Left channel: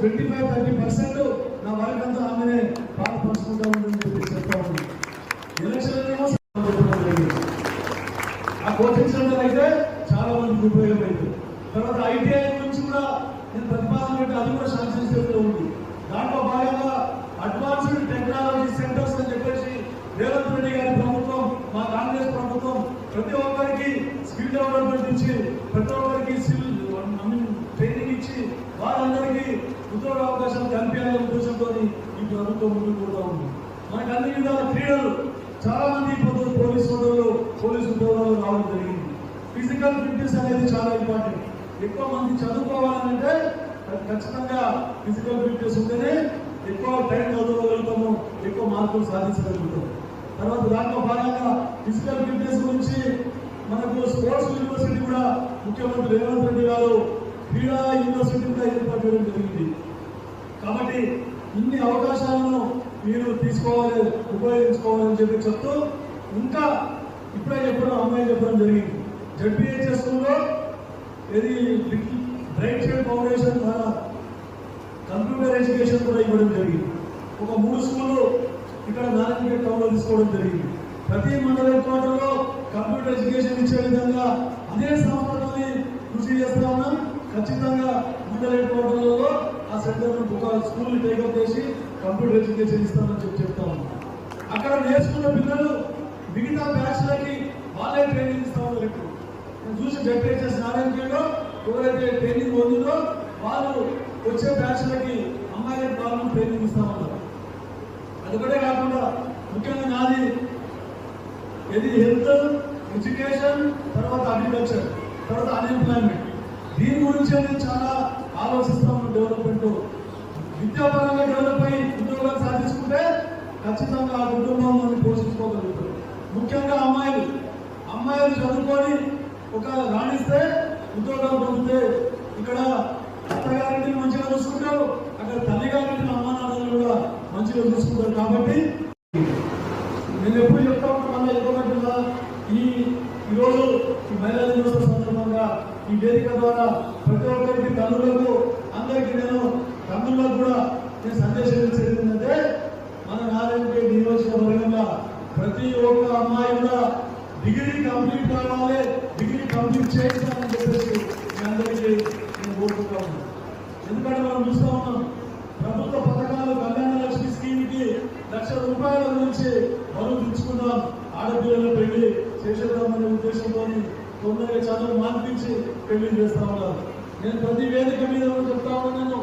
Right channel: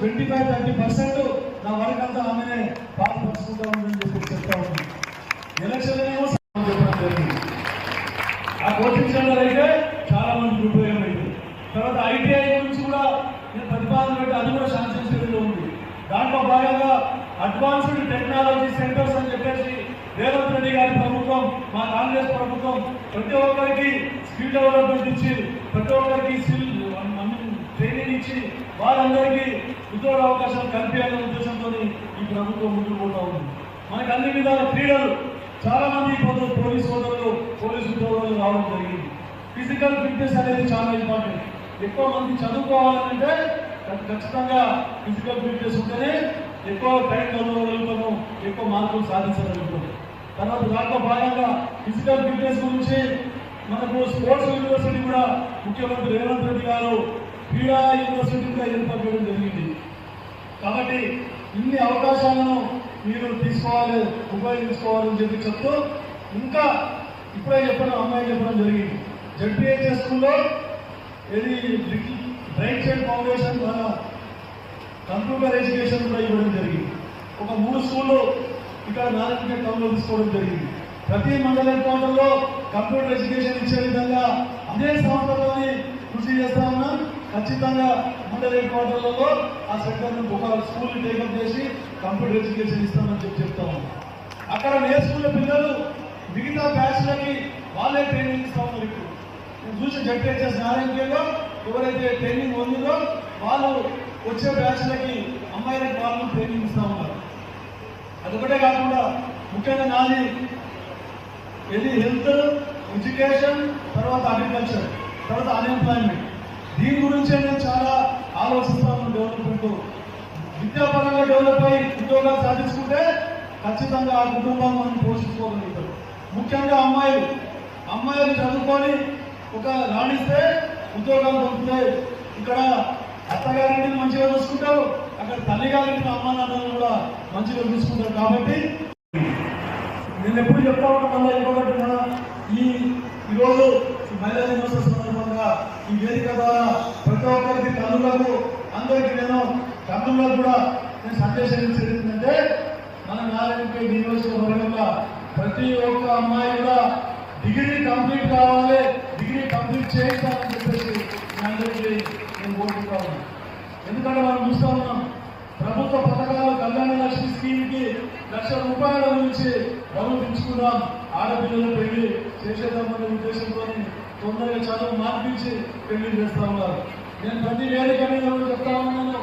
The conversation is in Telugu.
25-30% నా వరకు అంతా ఆమెనే పాల్పంచుకుంటా ఉందని చెప్పి చెప్తా ఉంది. ఎలక్షన్లేమో ఆ కోచింగ్ సెంటర్ అయితే చాలా మందికి ఉపయోగమైంది. తర్వాత ఐటీఐ గురించి కూడా నేను ప్రతిపాదన పెట్టి అది కూడా శాంక్షన్ స్టేజ్లో ఉంది. దాంట్లో భాగంగా అడ్వాన్స్డ్ టెక్నాలజీ సెంటర్స్ అని చెప్పేసి రేవంత్ రెడ్డి గారి ప్రభుత్వం, మా కాంగ్రెస్ ప్రభుత్వం ప్రతి ఒక్కరికి స్కిల్ డెవలప్మెంట్ ఇచ్చి, ప్రతి ఒక్కరికి ట్రైనింగ్ ఇచ్చి వారందరికీ ఉద్యోగ అవకాశాలు కల్పించాలనే ఉద్దేశంతో ఈ ప్రభుత్వం ముందుకు పోతా ఉంది. మనకి అన్ని విధాల క్రీడలు చాలా మంది పోలీసు సోదరులు, పోలీసు ఉద్యోగాలు రావడం జరిగింది. ఫిజికల్ ఫిట్నెస్ అనేది చాలా ఇంపార్టెంట్. ఎక్కువ మంది చదువుకోవాలంటే ఖచ్చితంగా ఫిజికల్ ఫిట్నెస్ ఉంటేనే ఎక్కువ టైం చదవగలుగుతాము, ఎక్కువ మార్కులు సాధించగలుగుతాం. తర్వాత దాంట్లో భాగంగా ఫిజికల్ ఫిట్నెస్ గురించి మనకు స్పోర్ట్స్ యూనివర్సిటీ కూడా ముఖ్యమంత్రి రేవంత్ రెడ్డి గారు క్రీడా యూనివర్సిటీ కూడా ఏర్పాటు జరిగింది. కాబట్టి ఇన్ని అవకాశాలను మీరు తీసుకోవాలి, ఉపయోగించుకోవాలని చెప్తూ ఇంకా ఇప్పుడే చెప్పడం, అమ్మాయి చెప్పడం జరిగింది. జడ్పీహెచ్ఎస్ స్కూల్లో ఇది బ్రైట్ చైల్డ్ ఫౌండేషన్ ద్వారా కంప్యూటర్ ఎడ్యుకేషన్ కూడా ఇవ్వడం జరిగింది. ఒక 3 స్కూళ్ళు ఇక్కడ నారాయణపేట టౌన్లో తీసుకోవడం జరిగింది. ప్రతి మండల హెడ్క్వార్టర్లో కంప్యూటర్ ఎడ్యుకేషన్ ఇచ్చే విధంగా అదే సంస్థతోని కృషి చేస్తామన్నా ఖచ్చితంగా మండల హెడ్క్వార్టర్లలో ఆ సెంటర్ను ఒక స్కూల్ని టేకప్ చేసి కంప్యూటర్ ఎడ్యుకేషన్ ఇస్తామని చెప్తాము. అక్కడ నేర్చుకున్న పిల్లలు మిగతా బ్యాచ్లకి వాళ్ళే ట్రైనింగ్ ఇస్తామన్నారు. ఇప్పుడు నేను చూసి జడ్పీహెచ్ఎస్ నారాయణపేటలో ఎవరైతే ట్రైనింగ్ పొందిందో వాళ్ళు వచ్చే బ్యాచ్లకి అమ్మాయిలకి వాళ్ళు ట్రైనింగ్ ఇస్తామన్నారు. అదొకటే కాకుండా ముఖ్యంగా నాది ఇది హెల్త్, ఎడ్యుకేషన్, తర్వాత అగ్రికల్చర్, తర్వాత అన్ఎంప్లాయ్మెంట్. దీని గురించే నేను చాలా ఆలోచిస్తాను. డెవలప్మెంట్ విద్యాపరంగా డెవలప్ అయ్యి ఉద్యోగాలు సాధించుకుంటే ఖచ్చితంగా ఆ కుటుంబాన్ని మనం పోషించుకోగలుగుతాం. ముఖ్యంగా అమ్మాయిలు చదువుకొని ఒక రాణిస్తే ఉద్యోగాలు పొందితే ఇక్కడ అత్తగారింటిని మంచిగా చూసుకుంటారు, అక్కడ తల్లిగారింటిని అమ్మా నాన్నలు కూడా మంచిగా చూసుకుంటారు. కాబట్టి నేను ఎప్పుడు చెప్తా ఉంటాను, ఎక్కువ ఈరోజు మహిళా దినోత్సవ సందర్భంగా ఈ వేదిక ద్వారా ప్రతి ఒక్కరికి తల్లులకు అందరికీ తల్లులకు కూడా నేను సందేశం ఇచ్చేది ఏంటంటే మన నారాయణపేట నియోజకవర్గంగా ప్రతి ఒక్క అమ్మాయి కూడా డిగ్రీ కంప్లీట్ కావాలి, డిగ్రీ కంప్లీట్ చేయించాలని చెప్పేసి మీ అందరికీ నేను కోరుకుంటాను. ఎందుకంటే మనం చూస్తా ఉన్నాం ప్రభుత్వ పథకాలు కళ్యాణ లక్ష్మి స్కీమ్కి ₹1,00,000 గురించి బరువు దించుకున్నాం. ఆడపిల్లలు పెళ్లి చేసేద్దామనే ఉద్దేశంతో తొందరగా చదువు మార్పించి పెళ్లి చేస్తా ఉన్నారు. నేను ప్రతి వేదిక మీద చెప్తా ఉన్నాను,